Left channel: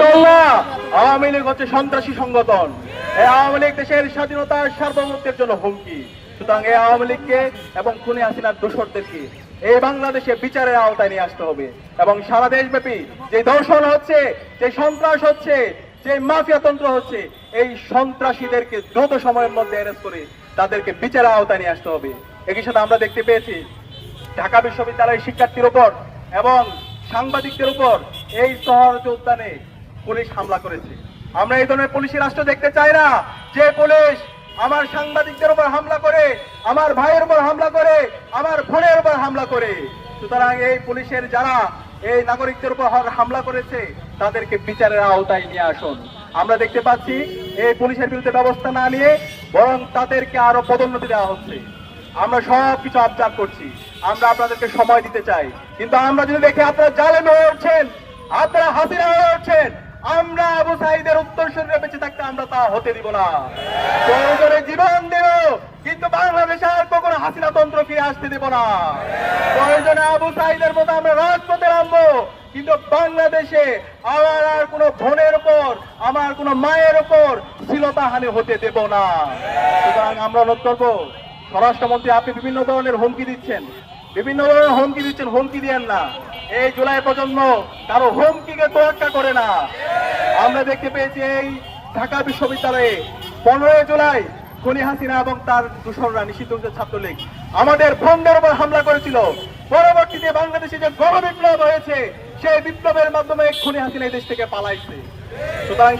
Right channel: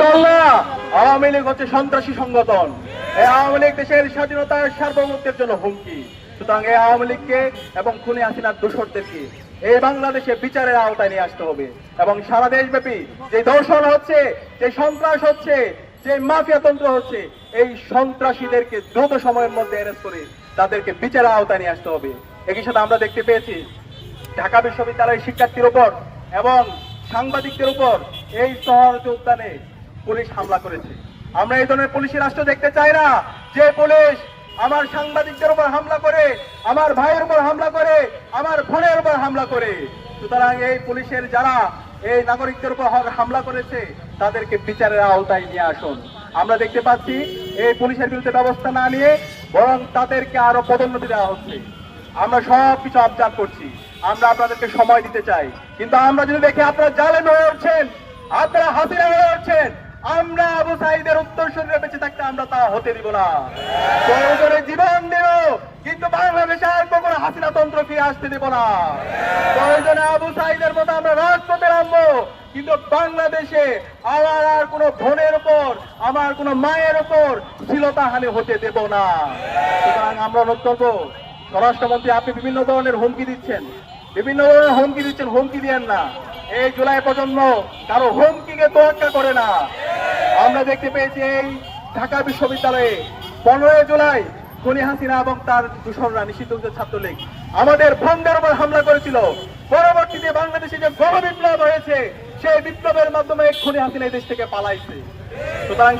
দল না, আওয়ামী লীগ হচ্ছে সন্ত্রাসী সংগঠন। এই আওয়ামী লীগ দেশের স্বাধীনতার সার্বভৌমত্বের জন্য হুমকি। সুতরাং এই আওয়ামী লীগকে এবং খুনি হাসিনার দোসরদেরকে এই বাংলাদেশে বিচারের আওতায় নিয়ে আসতে হবে এবং সারা দেশব্যাপী যে দর্শন হচ্ছে, যে সন্ত্রাস হচ্ছে, যে মাফিয়া তন্ত্র হচ্ছে, এই সন্ত্রাসীদেরকে দ্রুত সময়ের মধ্যে অ্যারেস্ট করে তাদেরকে বিচারের আওতায় নিয়ে আসতে হবে। একই সাথে আমরা দেখতে পেয়েছি ঢাকা বিশ্ববিদ্যালয়ের শিক্ষার্থীর উপর এবং সাংবাদিকদের উপর এই সহজ উদ্যানে পুলিশ হামলা করেছে। আমরা এই ধরনের পুলিশি রাষ্ট্র দেখতে চাই না, যে পুলিশ আমার সাংবাদিকদের উপর হামলা করে, আমার ভাইয়ের উপর হামলা করে, আমার বোনের উপর হামলা করে। সুতরাং এই পুলিশের যারা এই নাগরিকদের উপর হামলা করেছে তাদেরকে বিচারের আওতায় নিয়ে আসুন। আমরা দেখতে পাচ্ছি এই পুলিশের বিরুদ্ধে ব্যবস্থা না নিয়ে বরং তাদেরকে আরো পদোন্নতি দেওয়া হচ্ছে। আমরা সবকিছু অবজার্ভ করছি, আমরা আপনাদেরকে সময় দিতে চাই, কিন্তু আমরা যদি দেখি আপনারা জালেম হয়ে উঠছেন, আপনারা হাসিনা হয়ে উঠছেন, আমরা আবু সাঈদের উত্তরসূরিরা বেঁচে থাকতে আমরা তা হতে দিব না। প্রয়োজনে জীবন দেব, কিন্তু বাংলাদেশে আর কখনো হাসিনা তন্ত্র ফিরে আসতে দিব না। প্রয়োজনে আবু সাঈদের মতো আমরা রাজপথে নামবো, কিন্তু বাংলাদেশে আমার আর কোনো বোনের উপর, আমার কোনো মায়ের উপর শ্লীলতাহানি হতে দেব না। সুতরাং আমরা অনুরোধ করবো, স্বরাষ্ট্রমন্ত্রী আপনি বিভিন্ন ধরনের হুমকি দিচ্ছেন, হুমকি দিয়েন না। এই জুলাই প্রজন্ম কারো হুমকিকে তোয়াক্কা করে না। আমরা দেখতে পেয়েছি এই ঢাকা বিশ্ববিদ্যালয়ে 15 জুলাই খুনি হাসিনা এবং তার দূষণরা নিষিদ্ধ ছাত্রলীগ আমাদের বোনদের উপর হামলা করেছিল। পরবর্তীতে বাংলাদেশে যে গণবিপ্লব হয়েছে, সেই বিপ্লবের মাধ্যমে খুনি হাসিনা এই দেশ থেকে পালাইছে। সুতরাং